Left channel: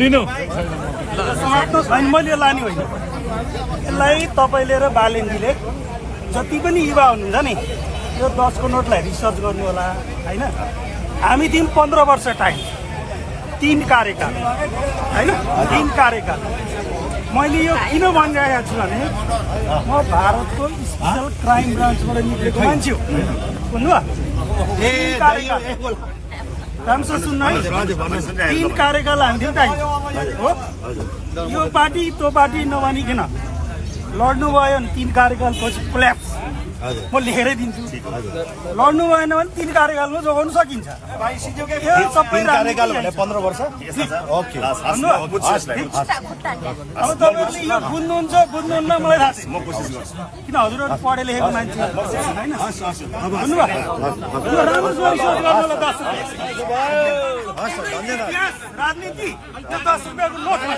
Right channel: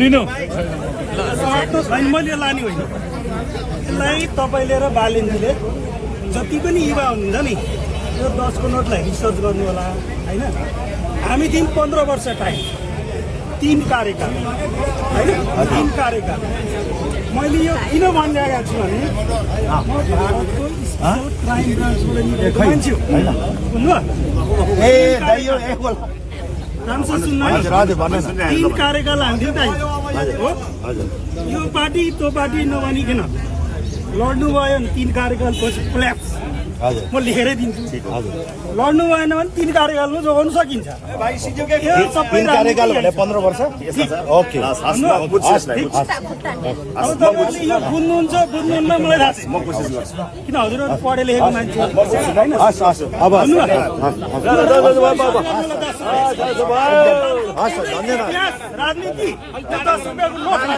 लिनु समाप्त छैन, मैले लाने होइन। यसलाई तपाईँले र बालेनजीले जति पनि युवा हुनुहुन्छ नि, यो 10 को नोटलाई रिसर्च गर्नु होला होइन। हामी दिउँ 15 वर्ष टाइम, 3 कार्यकाल होइन, 3 कार्यकाल। मैले यो किन भनिरहेको छु भने म भारतको स्पेसल क्राइम ब्रान्चबाट निस्केको मान्छे हो, बुझ्नुभयो? राम्रोसँग सुन्नु है, 3 कार्यकाल हामी टाइम हो। यो पार्टी त्यो पार्टी नभनिकन लड्नु भयो भने 3 कार्यकालपछि कोल्याप्स म लेखेरै दिन्छु। लड्नु भएन भने 3 कार्यकालमा जोगाउन सकिन्छ। सबै कार्यकाल भने 15 वर्ष। ओके, अब तपाईँले यो बुझ्नुहुन्छ बुझ्नुहुन्न मलाई थाहा छैन, किन हजुरहरू पढे लेखेको मान्छे होइन। राजनीति 10 रुपियाँको नोटमा